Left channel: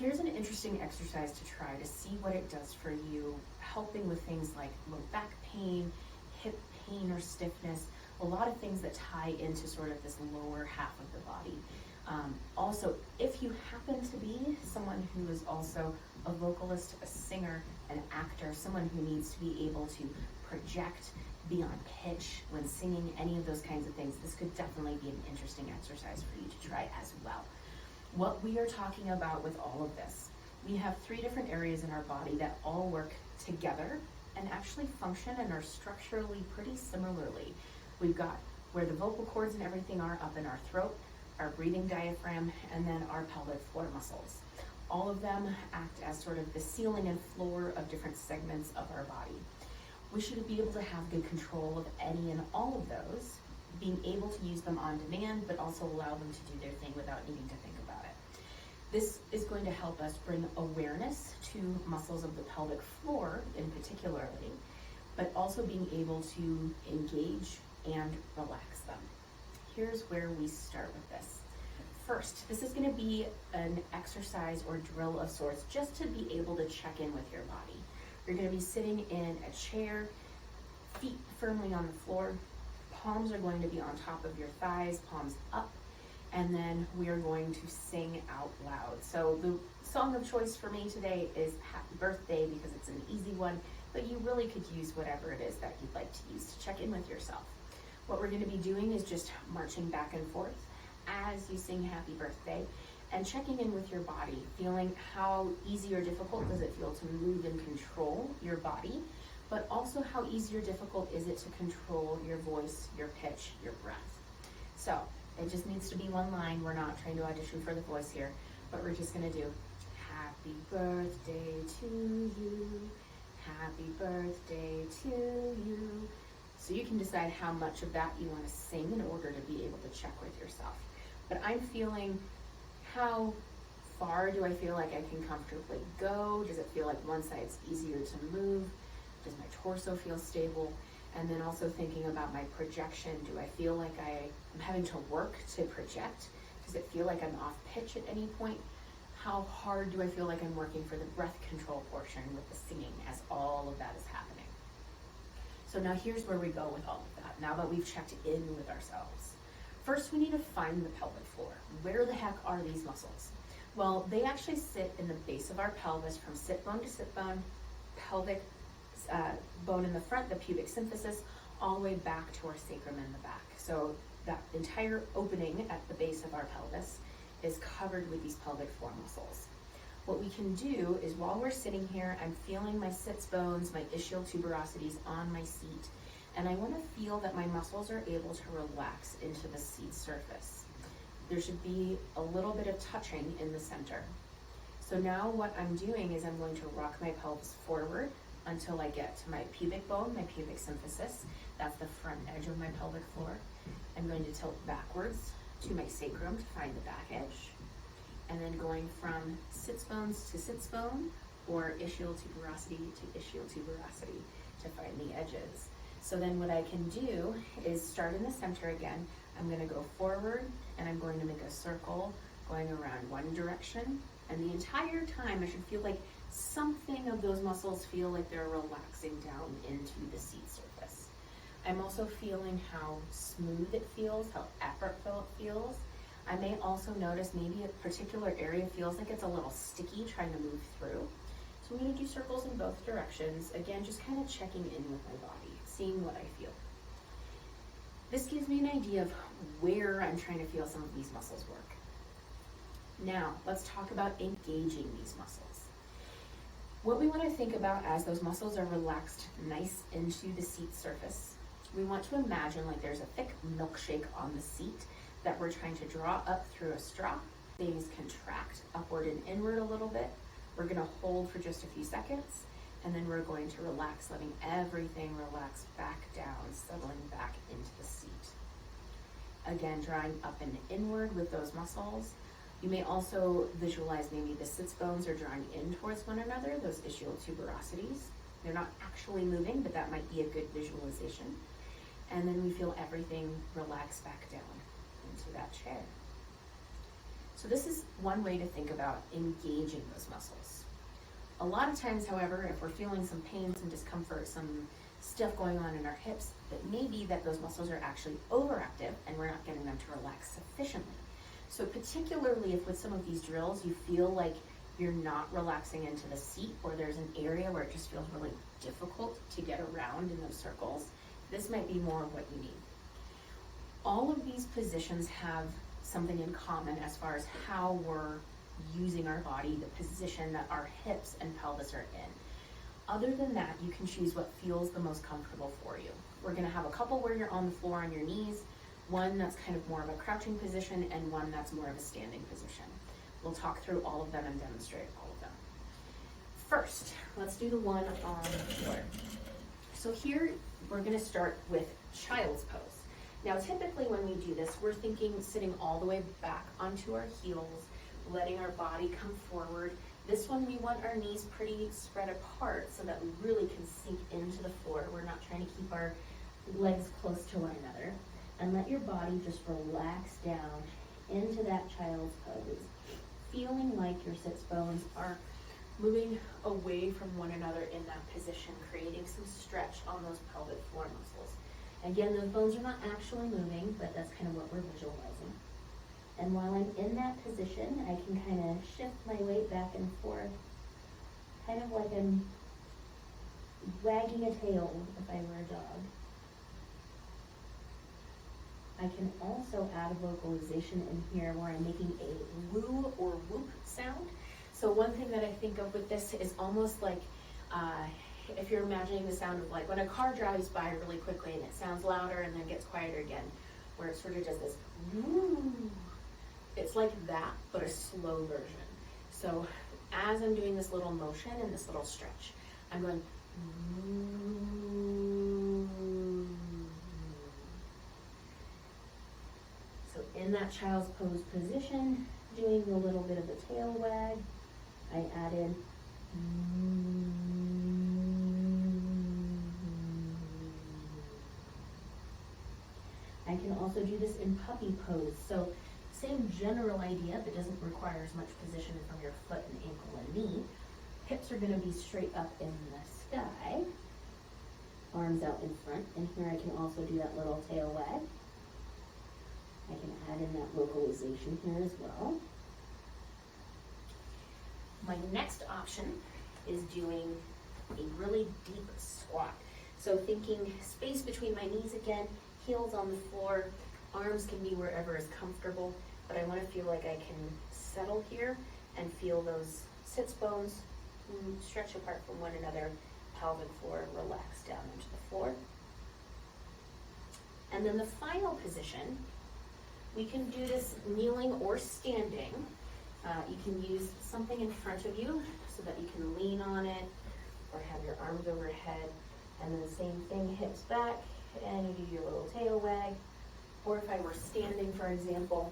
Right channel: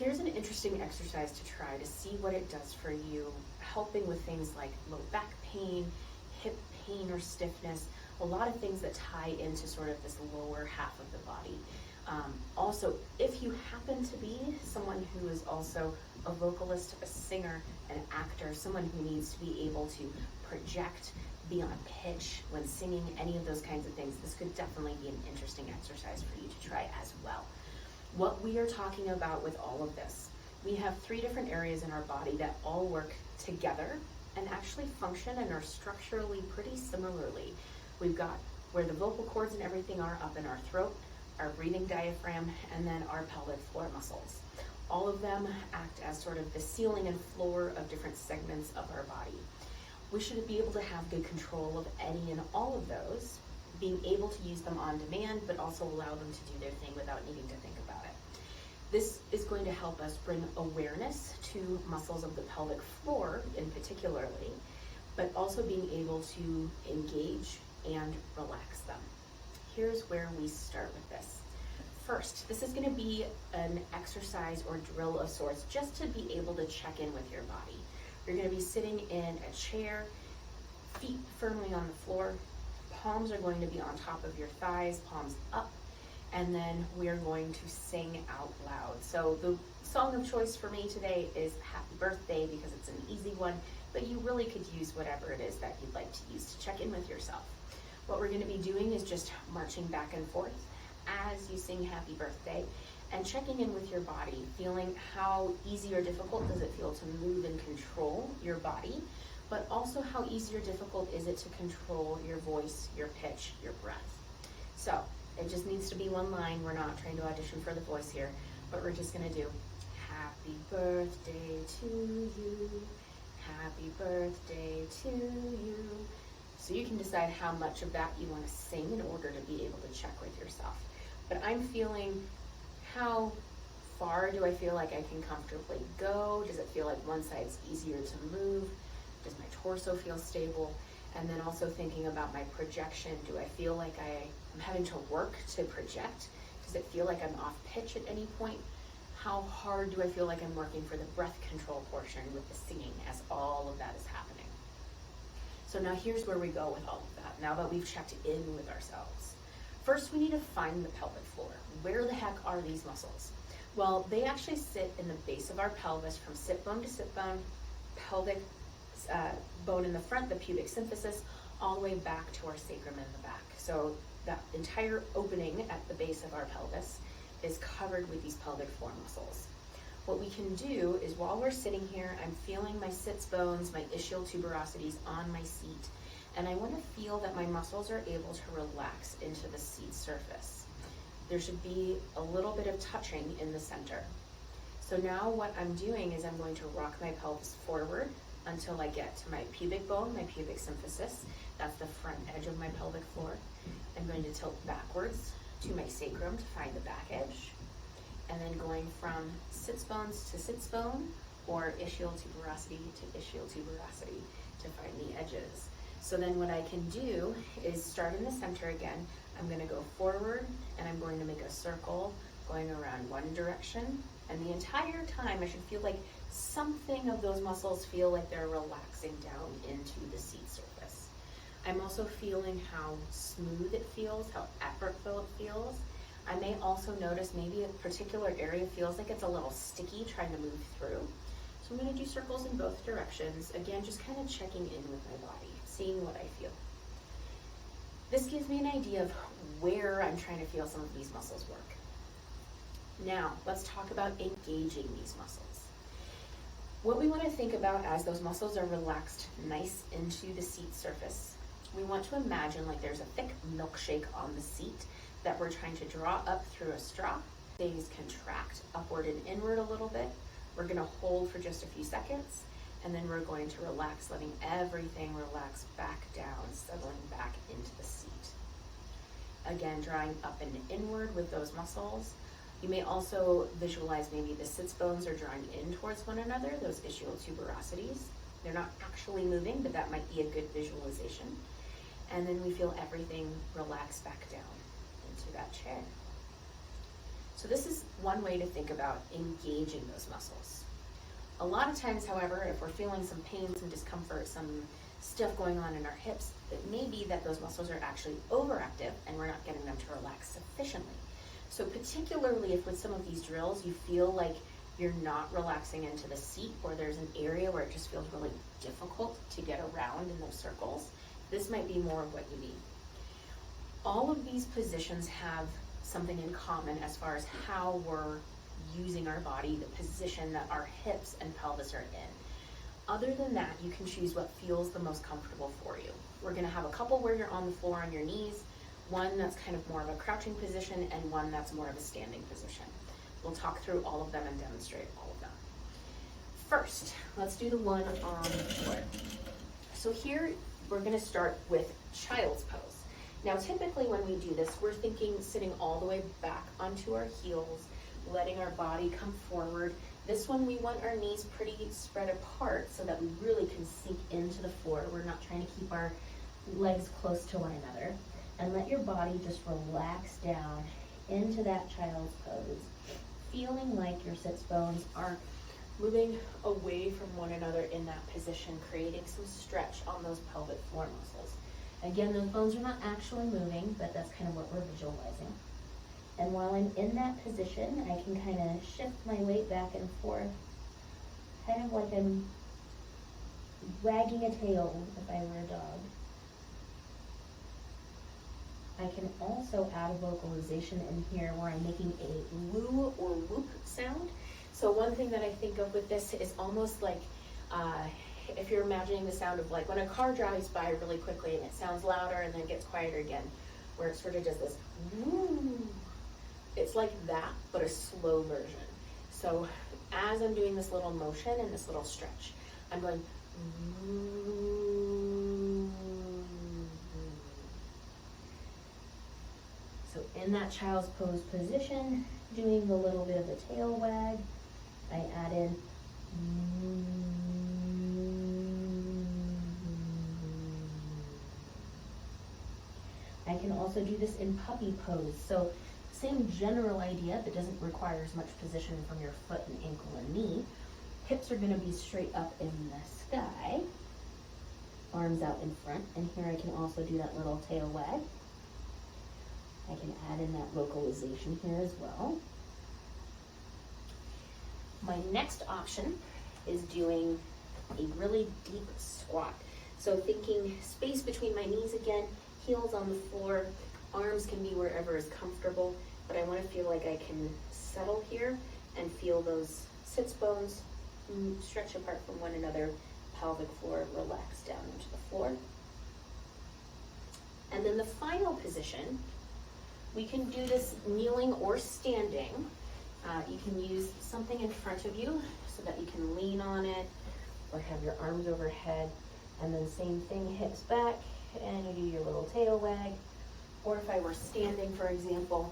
Here's an interesting exercise to try to see what it does for you, helping with things like low back pain, hip pain or stiffness, a lot of things that tie into sort of this lower half of the body. Also, if you happen to be someone who is also a vocalist, a singer, an actor, someone who needs to be able to project, be on pitch when singing, any of those kinds of things, this could definitely be an interesting exercise for you to try as well. What we are talking about with all of this, we have 3 different areas in our body that all work together and actually function and are structurally pretty similarly. We've got where the vocal cords and everything are up in our throat, our breathing diaphragm, and then our pelvic floor muscles. All of them act as sort of the ceiling and floor of different segments of our body. We should be able to have good control of any and all of those, being able to use them on demand, but also allow them to do their thing without needing to think about it. This is going to help us bring awareness to muscles of the pelvic floor in particularly, but also being able to engage and relax them. Here's where we start with this. First, this is going to be an exercise or drill of sorts just to be able to check in with your body. You're going to be sitting in a chair, feet firmly on the floor, palms are going to be on top of your thighs, palms up, and then we are going to sing out loud. So the song of choice for me today is Happy Birthday because it's an easy one, but you really could use whatever it is that you'd like to use to check in with yourself. What we're going to be doing is just marching back and forth as you sing Happy Birthday and checking in with your body, feeling how easy or difficult does it feel to move and control your body, but also how easy or difficult is it to control your voice, your pitch, your breath. So it just needs to be one line. We're not trying to audition for the voice here, but we're just going to do Happy birthday to you, happy birthday to you. So you can decide how much of that you want to sing in order to be able to check with yourself. But I'm feeling, how far do I feel like I can comfortably go? Does it feel like one side's easier to move? Does my torso feel stable? And then also thinking about my projection. Do I feel like I'm having to work to project? Does it feel like I'm off pitch at any point? How hard do I feel like I'm working for the breath control portion with the singing as all of that is happening? So now here's where we go with all of that, now that we've checked in with ourselves. First, we need to find the pelvic floor. Where the heck are these muscles? Well, they actually sit in the base of our pelvis from sit bone to sit bone, pelvic bone in the front, the pubic symphysis, all the way back to our sacrum in the back. So that entire opening at the base of our pelvis is covered with these pelvic floor muscles. What we can do is while we're sitting here, I'm feeling my sits bones, my ischial tuberosities on my seat, and I want to feel that my muscles are able to relax into the seat surface. There should be a little bit of touching in the center. So now what I'm doing is I'm going to rock my pelvis forward until I get to my pubic bone, my pubic symphysis. That's the front edge of my pelvic floor. I'm going to tilt backwards to my sacrum to find the back edge. And then going from sits bones to sits bone, or ischial tuberosity to ischial tuberosity to find the edges. So then what I can do is start in the center again. I'm going to go forward and I'm going to make a circle going around one direction. And the entire time I should feel like something of those muscles feel like they're relaxing down into the seat surface. I'm also feeling how smooth it feels, how effortful it feels. I may also notice maybe a particular area feels like it's a little sticky trying to move through. So I'm going to do circles in both directions. Again, just kind of checking in with my body, seeing what I feel. This gives me an idea of where I'm trying to feel some of these muscles work. Now, let's talk about engaging these muscles. What we want to think about as those muscles are relaxed nice into the seat surface, we want to imagine like there's a thick milkshake on the seat that we're trying to draw up through a straw. Things contract upward and inward a little bit. We're going to hold for just a few seconds, and then we're going to relax, letting everything relax back down, settling back into the seat. Again, drawing up and inward with those muscles. You may also visualize maybe the sits bones are drawing in towards one another, those ischial tuberosities. They're not actually moving, but that might be a good visualization. And then we feel everything relax back down into that chair. So this is one way to think about engaging those muscles. A lot of times, however, if we're feeling some pain, some discomfort, some stuff going on in our hips, it may be that those muscles are actually overactive and we're not getting them to relax sufficiently. So particularly if with some of these drills you feel like you're not relaxing into the seat, or there's an area where it just feels really difficult to get around in those circles, this might be more of what you need. All of these positions have something in common as far as how we're using our body, the position that our hips and pelvis are in. Other than that, you can choose what feels the most comfortable for you. We're gonna have a couple where you're on the floor on your knees, one that's kind of more of a crouching position, and one that's more of a standing position. We'll talk through all of them and demonstrate all of them. First, let's do the one on the floor. So here, we're gonna start with child's pose. Now, typically when we do this, we're thinking sitting all the way back onto our heels, letting our body come forward. This one, we want our knees pretty spread apart so that we really can sink into the floor. We're not trying to keep our legs close to one another. And let your body just relax down into that child's pose, feeling like your sits bones are moving away from one another in that position, creating some stretch on those pelvic floor muscles. Again, those bones are not actually moving, but that's kind of what we're visualizing. And while I'm in that position, I can kind of shift my weight back and forth, kind of like I'm wagging a tail if I were a dog. I can also add a vocalization in here where I'm making a woo or whoop sound. So one thing that I think of with this is almost like if you're imagining the sound of like when a car drives by really quickly and it sounds louder and then gets quieter again, where it sort of does this woo. It's like that, but a slow version. So as I'm doing this little motion and this little stretch, I'm going woo. So in that child's pose position, doing a little bit of a tail wag, I add in I can also do this in puppy pose. So same general idea, but doesn't require as much position from your foot and ankle and knee. Hips are going to be straight up in the sky, arms out in front, and here I can also do that little tail wag. I can add in that vocalization here as well. My next option is doing a really deep squat. So thinking space between my knees again, heels on the floor, arms can be wherever is comfortable, but I want to feel like I can settle here and feel those sits bones stretch apart from one another, pelvic floor relax down into the floor. And then the final position, we can do this kneeling or standing. You can use something in front of you so that you can lean on it or have your arms overhead. And then same thing, hips back, and you do your little tail wag. Or if I were standing, for example,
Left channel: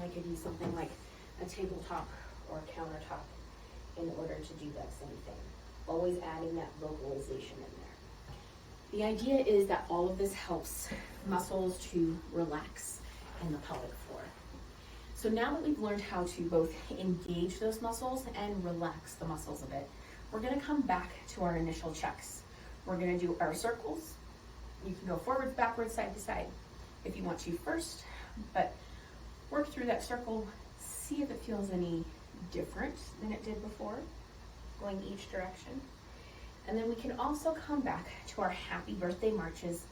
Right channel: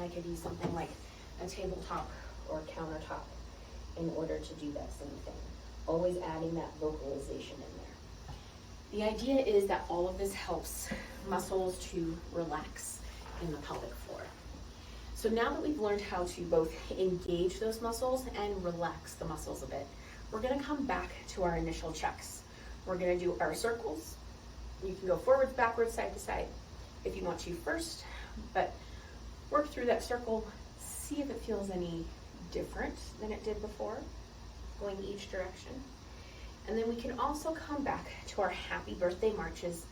I could use something like a tabletop or countertop in order to do that same thing. Always adding that vocalization in there. The idea is that all of this helps muscles to relax in the pelvic floor. So now that we've learned how to both engage those muscles and relax the muscles a bit, we're going to come back to our initial checks. We're going to do our circles. You can go forwards, backwards, side to side if you want to first, but work through that circle, see if it feels any different than it did before, going each direction. And then we can also come back to our happy birthday marches,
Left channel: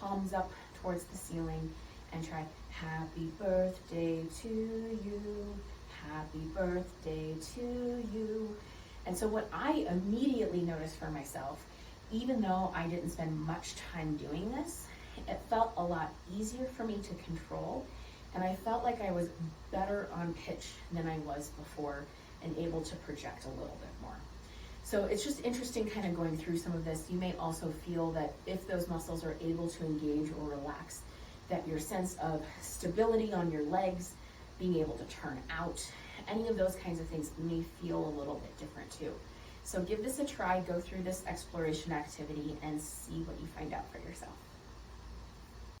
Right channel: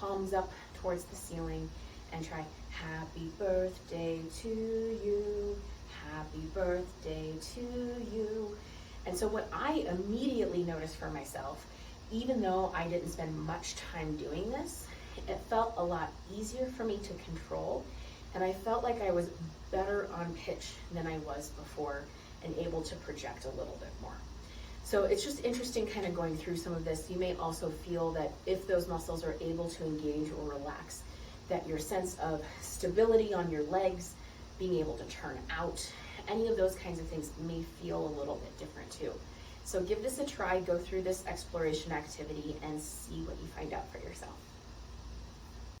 palms up towards the ceiling, and try happy birthday to you, happy birthday to you. And so what I immediately noticed for myself, even though I didn't spend much time doing this, it felt a lot easier for me to control, and I felt like I was better on pitch than I was before and able to project a little bit more. So it's just interesting kind of going through some of this. You may also feel that if those muscles are able to engage or relax, that your sense of stability on your legs, being able to turn out, any of those kinds of things may feel a little bit different too. So give this a try, go through this exploration activity and see what you find out for yourself.